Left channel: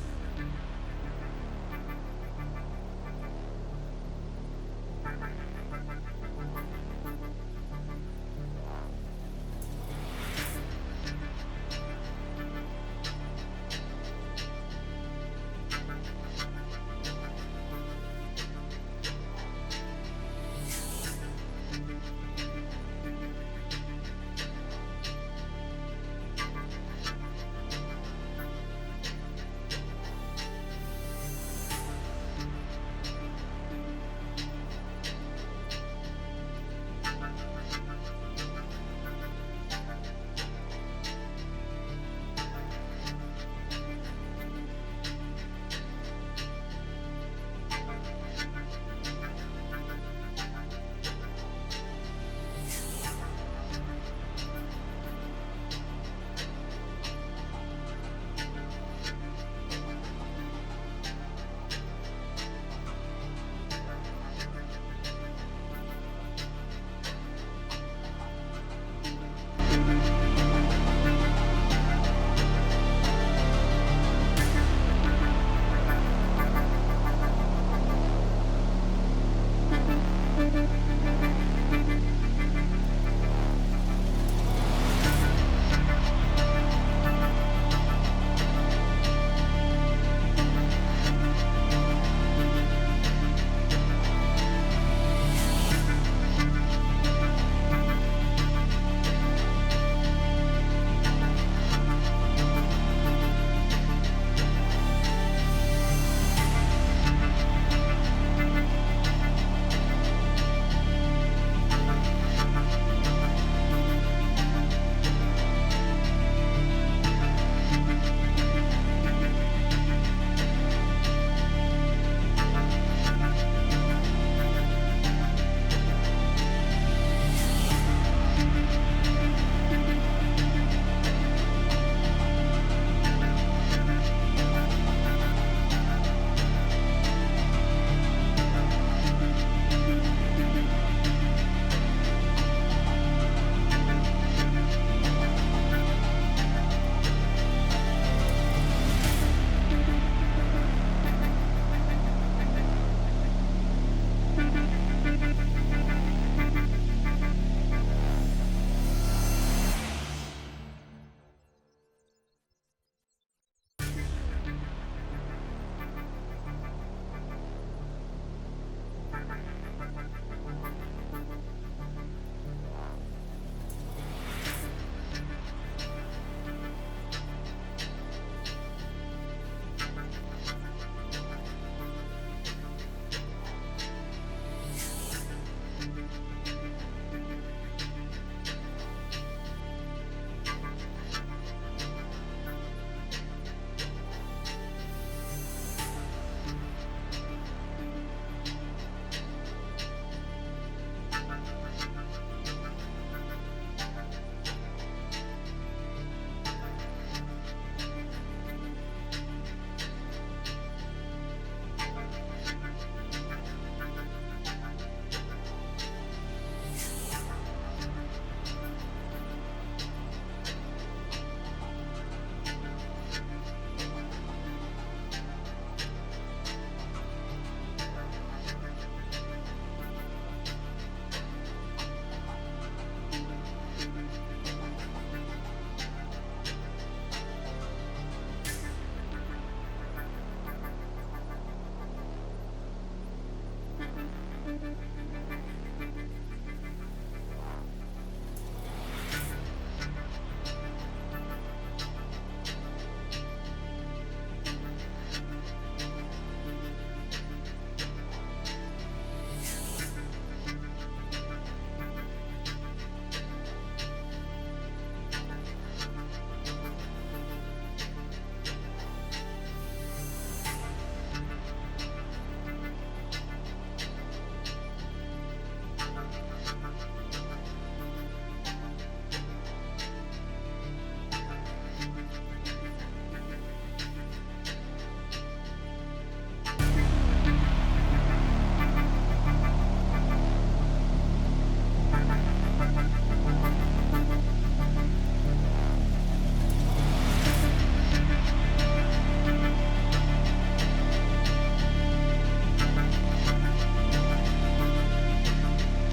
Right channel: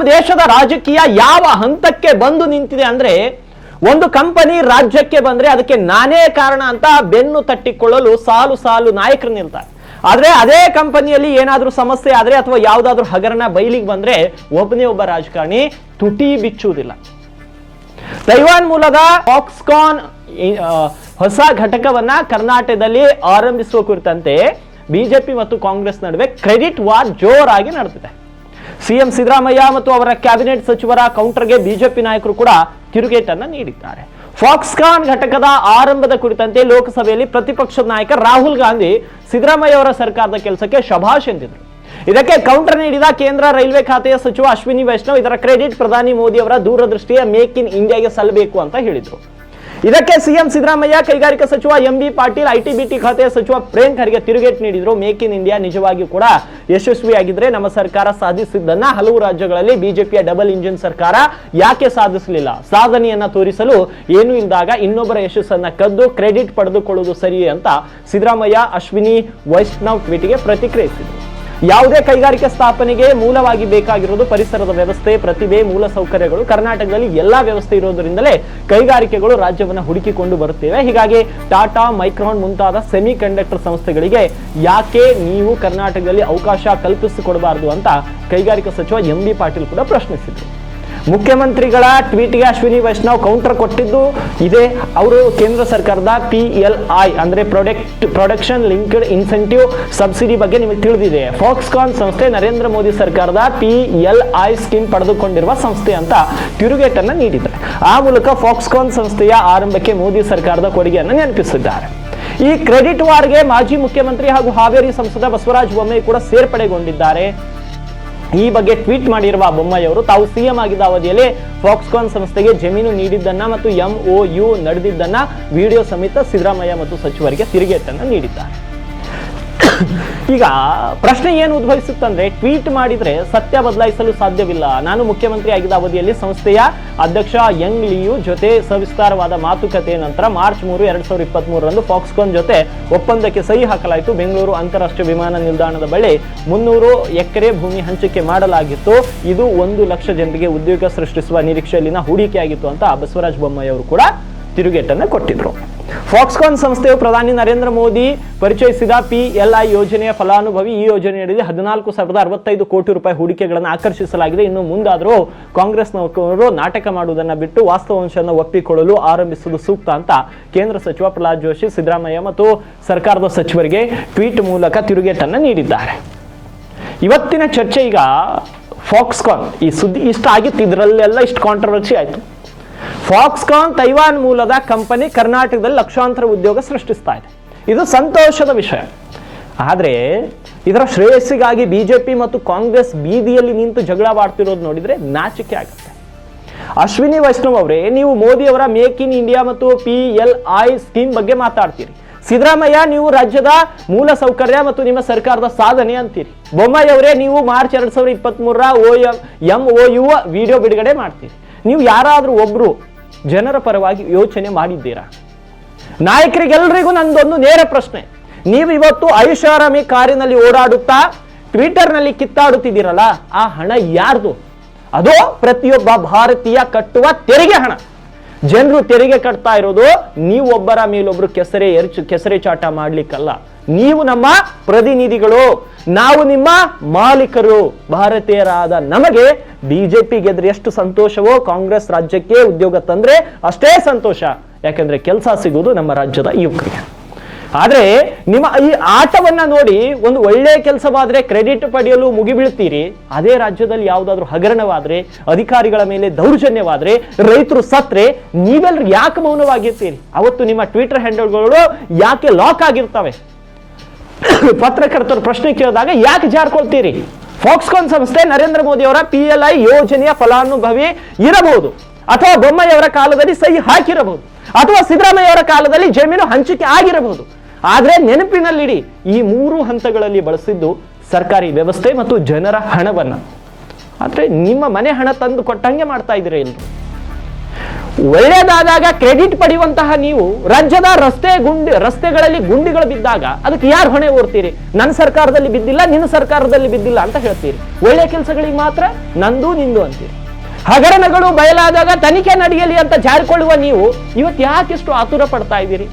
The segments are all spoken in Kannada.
ನಮ್ಮ ದೇಶದ ರಾಜಕೀಯ ಯಾವ ಹಂತಕ್ಕೆ ಬಂದು ನಿಂತಿದೆ ಅಂದ್ರೆ ಒಂದು ಕಂಪನಿ ರಾಜ್ಯಕ್ಕೆ ಬಂದ್ರೆ ಅದಕ್ಕೆ ನಾನೇ ಕಾರಣ ಅಂತ ಬೆನ್ನು ತಟ್ಟಿಕೊಳ್ಳಲು ಸಾಲು ಸಾಲು ನಾಯಕರು ನಿಲ್ತಾರೆ. ಆದ್ರೆ ಅದೇ ಕಂಪನಿಯಲ್ಲಿ ಏನಾದ್ರೂ ಸಮಸ್ಯೆ ಆದ್ರೆ ಅಥವಾ ಯಾವ್ದಾದ್ರೂ ಹಗರಣ ಬಯಲಿಗೆ ಬಂದ್ರೆ ಒಬ್ಬನೇ ಒಬ್ಬ ರಾಜಕಾರಣಿ ತುಟಿ ಬಿಚ್ಚುವುದಿಲ್ಲ. ತೈವಾನ್ ಮೂಲದ ಆಕ್ಸ್ಕಾನ್ ಹೊಸ ಘಟಕವನ್ನ ಕರ್ನಾಟಕದಲ್ಲಿ ಆರಂಭಿಸುವ ಕುರಿತಂತೆ ಬಿಜೆಪಿ ಮತ್ತು ಕಾಂಗ್ರೆಸ್ ನಡುವೆ ಕ್ರೆಡಿಟ್ ವಾರ್ ಜೋರಾಗಿ ನಡೆದಿದೆ. ಸಿಎಂ ಸಿದ್ದರಾಮಯ್ಯ ಮತ್ತು ಅವರ ಕ್ಯಾಬಿನೆಟ್ ಸಚಿವರ ಕೌಂಟರ್ಗೆ ಬಿಜೆಪಿ ನಾಯಕರು ಕೂಡ ತಿರುಗೇಟನ್ನ ನೀಡಿದ್ದಾರೆ. ಫಾಕ್ಸ್ಕಾನ್ ಘಟಕದ ಆರಂಭದ ಕುರಿತಂತೆ ಲೋಕಸಭೆಯಲ್ಲಿ ಪ್ರತಿಪಕ್ಷದ ನಾಯಕ ರಾಹುಲ್ ಗಾಂಧಿ ಸಿದ್ದರಾಮಯ್ಯ ಅವರ ಸರ್ಕಾರದ ಕೆಲಸಕ್ಕೆ ಶಭಾಷ್ ಎಂದಿದ್ರು ಇದಕ್ಕೆ ಕೌಂಟರ್ ನೀಡಿದ ಕೇಂದ್ರ ರೈಲ್ವೆ ಖಾತೆಯ ಸಚಿವ ಅಶ್ವಿನಿ ವೈಷ್ಣವ್, ಇದರ ಕ್ರೆಡಿಟ್ ಪ್ರಧಾನಿ ಮೋದಿ ಅವರ ದೂರದೃಷ್ಟಿಯ ಮೇಕ್ ಇನ್ ಇಂಡಿಯಾಗೆ ಸಲ್ಲಬೇಕು ಅಂತ ಹೇಳಿದ್ರು. ಇದಕ್ಕೆ ಸಿಎಂ ಸಿದ್ದರಾಮಯ್ಯ, ಕೈಗಾರಿಕಾ ಸಚಿವ M B Patil IT BT ಖಾತೆಯ ಸಚಿವ ಪ್ರೇಮ್ ಖರ್ಗೆ ತಿರುಗೇಟ್ ನೀಡಿದ್ರು. ಮೇಕ್ ಇನ್ ಇಂಡಿಯಾ ನಿಜವಾಗಿಯೂ ಕೂಡ ಯಶಸ್ವಿಯಾಗಿದ್ರೆ ನಮ್ಮ ಸರ್ಕಾರ ಸಾಧಿಸಿದ್ದನ್ನ ಹಲವು ರಾಜ್ಯಗಳಲ್ಲಿ ಬಿಜೆಪಿಯ ಡಬಲ್ ಇಂಜಿನ್ ಸರ್ಕಾರ ಯಾಕೆ ಸಾಧಿಸಲಿಲ್ಲ? ಸಾಧನೆಯನ್ನ ತೋರಿಸಲು ಏನು ಇಲ್ಲದಾಗ ಇನ್ನೊಬ್ಬರ ಯಶಸ್ಸನ್ನ ಕದ್ದು ಕ್ರೆಡಿಟ್ ಪಡೆದುಕೊಳ್ಳುವುದು ಸರಿ ಅಂತ ಸಿದ್ದರಾಮಯ್ಯ, ಅಶ್ವಿನಿ, ವೈಷ್ಣವ್ ಟ್ವೀಟ್ಗೆ ಪ್ರತಿಕ್ರಿಯಿಸಿದರು. ಯಾವುದೇ ಕೈಗಾರಿಕೆ ಸ್ಥಾಪನೆಗೆ ಮೂಲವಾಗಿ ಬೇಕಾಗಿರೋದು ಪರಿಸರದ ವ್ಯವಸ್ಥೆ, ಪ್ರತಿಭೆ, ಮೂಲ ಸೌಕರ್ಯಗಳು. ಕರ್ನಾಟಕದಲ್ಲಿ ಎಲ್ಲಾ ವ್ಯವಸ್ಥೆ ಇರೋದ್ರಿಂದಲೇ ಕೈಗಾರಿಕೆಗಳು ರಾಜ್ಯವನ್ನು ಹುಡುಕಿಕೊಂಡು ಬರುತ್ತೇವೆ. ಹೀಗಾಗಿ ಟಾಟಾ, ಮೈಕ್ರಾನ್ ಮುಂತಾದ ಸೆಮಿ ಕಂಡಕ್ಟರ್ ಸಂಸ್ಥೆಗಳಿಗೆ ಯಾಕೆ ನೀವು ಕರ್ನಾಟಕದಲ್ಲಿ ಅವಕಾಶ ಕಲ್ಪಿಸಿಕೊಡಬಾರದು ಅಂತ ಕೈಗಾರಿಕಾ ಸಚಿವ ಎಂ ಬಿ ಪಾಟೀಲ್ ಕೂಡ ಪ್ರಶ್ನಿಸಿದರು. ಮುಖ್ಯಮಂತ್ರಿಗಳ ಟ್ವೀಟ್ಗೆ ಅಶ್ವಿನಿ ವೈಷ್ಣವ್ ಕೌಂಟರ್ ಕೊಟ್ಟಿದ್ದು ಇದೆ. ಅವರು ಕೇಂದ್ರ ಸರ್ಕಾರದ ಪಿ ಎಲ್ ಐ ಅಂದ್ರೆ product production linked incentive subsidy ಬಗ್ಗೆ ನಿಮಗೆ ತಿಳಿದಿದೆ. ಫಾಕ್ಸ್ಕಾನ್ ಸಂಸ್ಥೆ ನರೇಂದ್ರ ಮೋದಿ ಸರ್ಕಾರದ ಪಿ ಎಲ್ ಐ ಸ್ಕೀಮ್ ಪಡೆದುಕೊಂಡಿರುವ ಸಂಸ್ಥೆ ಅಂತ ತಿರುಗೇಟನ್ನ ನೀಡಿದ್ದಾರೆ ಆ ಮೂಲಕ ಫಾಕ್ಸ್ಕಾನ್ ಸಂಸ್ಥೆಯ ಆರಂಭಕ್ಕೆ ಮೋದಿ ಸರ್ಕಾರದ ಕೊಡುಗೆಯನ್ನು ನೆನಪಿಸಿದ್ದಾರೆ. ಈ ಕ್ರೆಡಿಟ್ ವಾರ್ಗೆ ಮಾಜಿ ಮುಖ್ಯಮಂತ್ರಿ ಹಾಗೂ ಹಾವೇರಿ ಸಂಸದ ಬಸವರಾಜ ಬೊಮ್ಮಾಯಿ ಕೂಡ ಸೇರ್ಪಡೆಗೊಂಡಿದ್ದಾರೆ. ಈ ಬಗ್ಗೆ ಟ್ವೀಟ್ ಮಾಡಿರುವ ಬೊಮ್ಮಯ್ಯವರು ತಾವು ಸಿಎಂ ಆಗಿದ್ದ ಅವಧಿಯಲ್ಲಿ ಫಾಕ್ಸ್ಕಾನ್ ಸಂಸ್ಥೆಗೆ ಜಮೀನು ನೀಡಿದ್ದನ್ನ ಮತ್ತು ಎಂಒ ಯು ನಡೆದಿದ್ದನ್ನ, ವಿಡಿಯೋ ಸಮೇತ ಸಿದ್ದರಾಮಯ್ಯ ಮತ್ತು ಸಚಿವರಿಗೆ ತಿರುಗೇಟನ್ನು ನೀಡಿದ್ದಾರೆ. ಈಗ ಪ್ರಶ್ನೆ ಏನು ಉದ್ಭವಿಸುತ್ತಂದ್ರೆ, ಟ್ವೀಟ್ ಮಾಡಿದ್ರೆ ಸತ್ಯ ಬದಲಾಯಿಸಲು ಸಾಧ್ಯವಿಲ್ಲ. ನಾನು ಮುಖ್ಯಮಂತ್ರಿ ಆಗಿದ್ದ ಅವಧಿಯಲ್ಲಿ ಸಂಸ್ಥೆಯ ಅಧ್ಯಕ್ಷ ಯಂಗ್ ಲಿಯು ಜೊತೆ ಸವಿಸ್ತಾರವಾದ ಮಾತುಕತೆ ನಂತರ ಮಾರ್ಚ್ ಮೂರು, ಎರಡ್ ಸಾವಿರದ ಇಪ್ಪತ್ತ್ ಮೂರರಂದು ಫಾಕ್ಸ್ಕಾನ್ ಜೊತೆ ಒಪ್ಪಂದಕ್ಕೆ ಸಹಿ ಹಾಕಲಾಯಿತು. ಬೆಂಗಳೂರು ಅಂತಾರಾಷ್ಟ್ರೀಯ ವಿಮಾನ ನಿಲ್ದಾಣದ ಬಳಿ ಮುನ್ನೂರು ಎಕರೆ ಭೂಮಿ ಹಂಚಿಕೆ ಮಾಡಲಾಗಿತ್ತು. ಇದು ಒಂದು ಲಕ್ಷ ಜನರಿಗೆ ಉದ್ಯೋಗ ಸೃಷ್ಟಿಸುವ ನಿರೀಕ್ಷೆಯಲ್ಲಿನ ಹೂಡಿಕೆಯಾಗಿತ್ತು ಅಂತ ಬಸವರಾಜ ಬೊಮ್ಮಾಯಿ ಅವರು ಕೂಡ ತಿರುಗೇಟನ್ನು ಕೊಟ್ಟಿದ್ರು. ಫಾಕ್ಸ್ಕಾನ್ ಸಂಸ್ಥೆಯು ಪ್ರಧಾನಿ ನರೇಂದ್ರ ಮೋದಿ ಪರಿಚಯಿಸಿದ ಪಿ ಎಲ್ ಐ ಯೋಜನೆಯ ಫಲಾನುಭವಿ. ಈ ಯೋಜನೆಯಡಿ ಹದಿನಾಲ್ಕು ಸಾವಿರದ ಅರವತ್ತೈದು ಕೋಟಿ ರೂಪಾಯಿ ಹೂಡಿಕೆಗಳನ್ನು ಆಕರ್ಷಿಸಲಾಗಿದೆ. ಇನ್ನು ಮುಂದಾದರೂ ಕಾಂಗ್ರೆಸ್ ನೌಕರರು ನಾಟಕ ಮಾಡುವುದನ್ನು ಬಿಟ್ಟು ವಾಸ್ತವಾಂಶವನ್ನು ಒಪ್ಪಿಕೊಳ್ಳಲು ಆರಂಭಿಸುವುದು ಸೂಕ್ತ ಅಂತ ಕೇಂದ್ರ ಸಚಿವ ಪ್ರಹ್ಲಾದ್ ಜೋಶಿ, ಸಿದ್ದರಾಮಯ್ಯ ಮತ್ತು ಸರ್ಕಾರದ ಸಚಿವರಿಗೆ ಟ್ವೀಟ್ ಮೂಲಕ ತಿರುಗೇಟನ್ನು ನೀಡಿದ್ದಾರೆ. ಇವತ್ತಿನ ಚರ್ಚೆ ಈಗ ಫಾಕ್ಸ್ಕಾನ್ ಈ ಸುದ್ದಿ ಇಷ್ಟ ಆಗಿತ್ತು. ಇದರಲ್ಲೆಲ್ಲ ಇಷ್ಟು ಕಾಂಟ್ರವರ್ಸಿ ಆಯಿತು. ಫಾಕ್ಸ್ಕಾನ್ ತೈವಾನ್ ಮೂಲದ ಕಂಪನಿ ಕರ್ನಾಟಕದಲ್ಲಿ ಲಕ್ಷಾಂತರ ಉದ್ಯೋಗ ಸೃಷ್ಟಿಸ್ತಾ ಇದೆ. ಇದು ಸಂತೋಷದ ವಿಷಯ. ಆದರೆ ಇದರ ಶ್ರೇಯಸ್ಸಿಗಾಗಿ ಬಿಜೆಪಿ ಮತ್ತು ಕಾಂಗ್ರೆಸ್ ಬೀದಿಯಲ್ಲಿ ನಿಂತು ಜಗಳವಾಡ್ತಿರೋದು ನೋಡಿದರೆ ನಾಚಿಕೆ ಆಗುತ್ತೆ. ಅಶ್ವಿನಿ ವೈಷ್ಣವ್ ಅವರೇ, ನೀವು ಮೋದಿ ಅವರ ಮೇಕ್ ಇನ್ ಇಂಡಿಯಾ ಮತ್ತು ಪಿ ಎಲ್ ಐ ಸ್ಕೀಮ್ ಬಗ್ಗೆ ಮಾತಾಡ್ತೀರಿ. ಸಿದ್ದರಾಮಯ್ಯ, ನೀವು ರಾಜ್ಯದ ಮೂಲ ಸೌಕರ್ಯ ಮತ್ತು ನಿಮ್ಮ ಸರ್ಕಾರದ ಸಾಧನೆ ಅಂತೀರಿ. ಬೊಮ್ಮಾಯಿ ಅವರೇ, ನೀವು ಮಾರ್ಚ್ ಎರಡ್ ಸಾವಿರದ ಇಪ್ಪತ್ತ್ ಮೂರರ O M M O U video ಬಿಡುಗಡೆ ಮಾಡ್ತೀರಿ. ನೀವು ಯಾರಾದರೂ ಒಬ್ರು ಜನರ ಪರವಾಗಿ ಯೋಚನೆ ಮಾಡಿದ್ದೀರಾ? ನಾಯಕರಿಗೆಲ್ಲರಿಗೂ ನಂದೊಂದು ನೇರ ಪ್ರಶ್ನೆ. ನೀವು ಇವತ್ತು ಐಷಾರಾಮಿ ಕಾರಿನಲ್ಲಿ ಓಡಾಡುತ್ತಾ, ಟ್ವಿಟರ್ನಲ್ಲಿ ಕಿತ್ತಾಡುತ್ತಿದ್ದೀರಲ್ಲ, ಆ ಹಣ ಯಾರ್ದು? ಅದು ಪ್ರತಿಯೊಬ್ಬ ಭಾರತೀಯ ಕಟ್ಟುವ ತೆರಿಗೆ ಹಣ. ಜನರು ತೆರಿಗೆ ಕಟ್ತಾ ಇರೋದು ನೀವೊಬ್ಬರ ಮೇಲೊಬ್ರು ಕೆಸರೆ ಎರಚು, ಕೆಸರೆ ಚಾಟ ಮಾಡ್ಲಿಕ್ಕಲ್ಲ. ನೀವು ನಮ್ಮ ಪ್ರತಿನಿಧಿಗಳು. ನಾವು ನಿಮ್ಮ ಮಾಲೀಕರು. ಭಾರತೀಯರಾದ ನಮಗೆ ಬಿಜೆಪಿ ಗೆದ್ರೆ ಎಷ್ಟು ಸಂತೋಷವೋ, ಕಾಂಗ್ರೆಸ್ ರಾಜ್ಯಕ್ಕೆ ಉದ್ಯೋಗ ತಂದ್ರೆ ಅಷ್ಟೇ ಸಂತೋಷ. ಯಾಕಂದ್ರೆ ಕೆಲಸ ಸಿಗುವುದು ನಮ್ಮ ರಾಜ್ಯದ ಯುವಕರಿಗೆ. ಆದ್ರೆ ನಿಮ್ಮ ಈ ಆಟವನ್ನ ನೋಡಿ ಒಂದು ಒಳ್ಳೆ ಕೆಲಸವಾದ್ರೆ ಕ್ರೆಡಿಟ್ ಪಡೆಯಲು ಮುಗಿಬೀಳ್ತೀರಿ. ಅದೇ ರಾಜ್ಯದಲ್ಲಿ ಯಾವುದಾದ್ರೂ ಹಗರಣವಾದ್ರೆ, ಅಧಿಕಾರಿಗಳ ಮೇಲೆ ದೌರ್ಜನ್ಯವಾದ್ರೆ, ರೈತರು ಸತ್ರೆ ನೀವೆಲ್ಲರೂ ಯಾಕೆ ಮೌನವಾಗಿರ್ತೀರಿ? ಅವತ್ತು ನಿಮ್ಮ ಟ್ವಿಟರ್ ಹ್ಯಾಂಡಲ್ಗಳು ಯಾಕೆ ಲಾಕ್ ಆಗಿರ್ತವೆ? ಪತ್ರಕರ್ತರು ಪ್ರಶ್ನೆ ಕೇಳಿದಾಗ ಯಾಕೆ ಜಾರ್ಕೊಳ್ತೀರಿ? ಫಾಕ್ಸ್ಕಾನ್ ಸಂಸ್ಥೆ ನರೇಂದ್ರ ಮೋದಿ ಅವರ ಪಿ ಎಲ್ ಐ ಯೋಜನೆಯ ಫಲಾನುಭವಿ ಇರಬಹುದು. ಅಥವಾ ಬೊಮ್ಮಯ್ಯವರ ಕಾಲದಲ್ಲಿ ಸಹಿ ಹಾಕಿರಬಹುದು. ಅಥವಾ ಸಿದ್ದರಾಮಯ್ಯ ಅವರ ಕಾಲದಲ್ಲಿ ಜಮೀನು ಹಂಚಿಕೆ ಆಗಿರಬಹುದು. ಆದ್ರೆ ನೆನಪಿನಲ್ಲಿಡಿ, ಈ ಮೂರು ಹಂತಗಳಲ್ಲಿ ಬಳಸಿದ್ದು ಸರ್ಕಾರಿ ವ್ಯವಸ್ಥೆ ಮತ್ತು ಜನರ ಹಣವನ್ನ. ಆದ್ರೆ ನಿಮ್ಮ ಮನೆ ಹಣ ತಂದು ಕೊಟ್ಟಂಗೆ ಮಾಡ್ತಾ ಇದ್ದೀರಾ ಇಲ್ಲಿ? ಒಳ್ಳೆಯದಾದಾಗ ಕ್ರೆಡಿಟ್ ಪಡೆಯುವಂತಹ ನೀವು ರಾಜ್ಯದ ರಸ್ತೆ ಗುಂಡಿ, ರಸ್ತೆಗಳಲ್ಲಿ ಗುಂಡಿಗಳು ಬಿದ್ದಾಗ ಅದಕ್ಕೆ ಯಾರು ಹೊಣೆ ಓರ್ತೀರಿ ನನ್ನ ಸರ್ಕಾರದಲ್ಲಿ ಬಿದ್ದಿಲ್ಲ, ನಿನ್ನ ಸರ್ಕಾರದಲ್ಲಿ ಬಿದ್ದಿಲ್ಲ ಅಂತ ಹೇಳ್ತೀರಿ. ಒಳ್ಳೆ ಕೆಲಸಗಳಿಗೆ ಮಾತ್ರ ನಂದು ನಿಂದು ಅಂತೀರಿ. ಹಗರಣಗಳು ಬಯಲಾದಾಗ ತನಿಖೆ ನಡೆಯಲಿ ಅಂತ ಜಾರಿಕೊಳ್ಳುವ ನೀವು ಇವತ್ತು ಯಾಕಿಷ್ಟು ಆತುರ ಪಡ್ತಾ ಇದ್ದೀರಿ?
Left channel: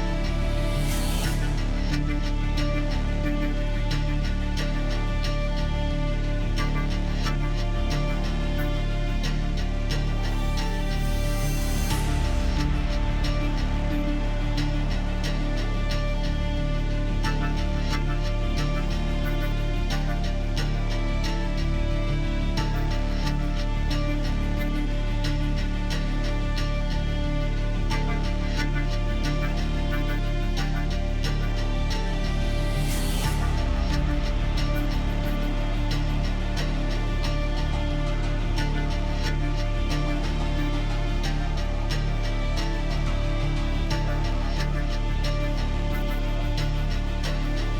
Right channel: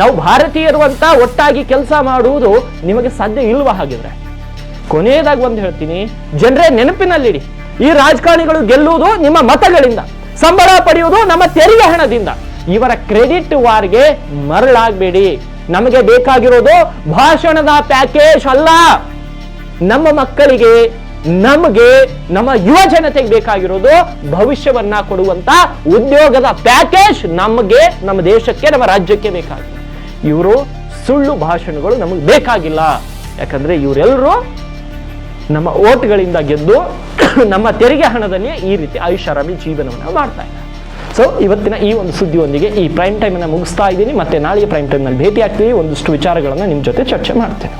ನಾವು ಭಾರತೀಯರು ಅಂತ ಒಟ್ಟಾಗಿ ಕೆಲಸ ಮಾಡುವುದು ನಿಮಗೆ ಸಾಧ್ಯ ಇಲ್ವಾ ಹಾಗಿದ್ರೆ? ಕೊನೆಯದಾಗಿ ಒಂದು ಹೇಳ್ತೀನಿ, ಜನರೇ ನೆನಪಿನಲ್ಲಿಡಿ, ಈ ರಾಜಕಾರಣಿಗಳು ಗೆಲ್ಲುವುದು ನಿಮ್ಮ ಮತಗಳಿಂದ, ಸಂಬಳ ಪಡೆಯುವುದು ನಮ್ಮ ತೆರಿಗೆ ಹಣದಿಂದ. ಇವರ ಕ್ರೆಡಿಟ್ ವಾರ್ಗೆ ಮರಳಾಗಬೇಡಿ. ನಮಗೆ ಬೇಕಾಗಿರೋದು ಭಾಷಣದ ಪ್ಯಾಕೇಜ್ ಅಲ್ಲ. ನಮ್ಮ ಮಕ್ಕಳಿಗೆ, ನಮಗೆ, ನಮ್ಮ ಯುವ ಜನತೆಗೆ ಬೇಕಾಗಿರೋದು ಭವಿಷ್ಯವನ್ನ ಕೊಡುವಂತ ಉದ್ಯೋಗದ ಪ್ಯಾಕೇಜ್ ನಮಗೆ, ನಮ್ಮ ದೇಶಕ್ಕೆ, ನಮ್ಮ ರಾಜ್ಯಕ್ಕೆ ಬೇಕಾಗಿದೆ. ಇವರು ಸುಳ್ಳು ಭಾಷಣಗಳು ನಮಗೆ ಬೇಕಾಗಿಲ್ಲ. ಯಾಕಂದ್ರೆ ಇವರೆಲ್ಲರೂ ನಮ್ಮ ಓಟ್ಗಳಿಂದ ಗೆದ್ದು ನಮ್ಮ ತೆರಿಗೆ ಹಣದಲ್ಲಿ ಈ ರೀತಿ ಐಷಾರಾಮಿ ಜೀವನವನ್ನು ಮಾಡ್ತಾ ಇದ್ದಾರೆ. ಸೊ ಇವತ್ತಿನ ಈ ಒಂದು ಸುದ್ದಿಯೊಂದಿಗೆ ಈ ಪ್ರೈಮ್ ಟೈಮ್ ಅನ್ನ ಮುಗಿಸ್ತಾ ಇದ್ದೀನಿ. ಮತ್ತೆ ನಾಳೆ ಪ್ರೈಮ್ ಟೈಮ್ನಲ್ಲಿ ಭೇಟಿ ಆಗ್ತೀವಿ ಒಂದಷ್ಟು ವಿಚಾರಗಳನ್ನು ನಿಮ್ಮ ಜೊತೆ ಚರ್ಚೆ ಮಾಡ್ತೇನೆ.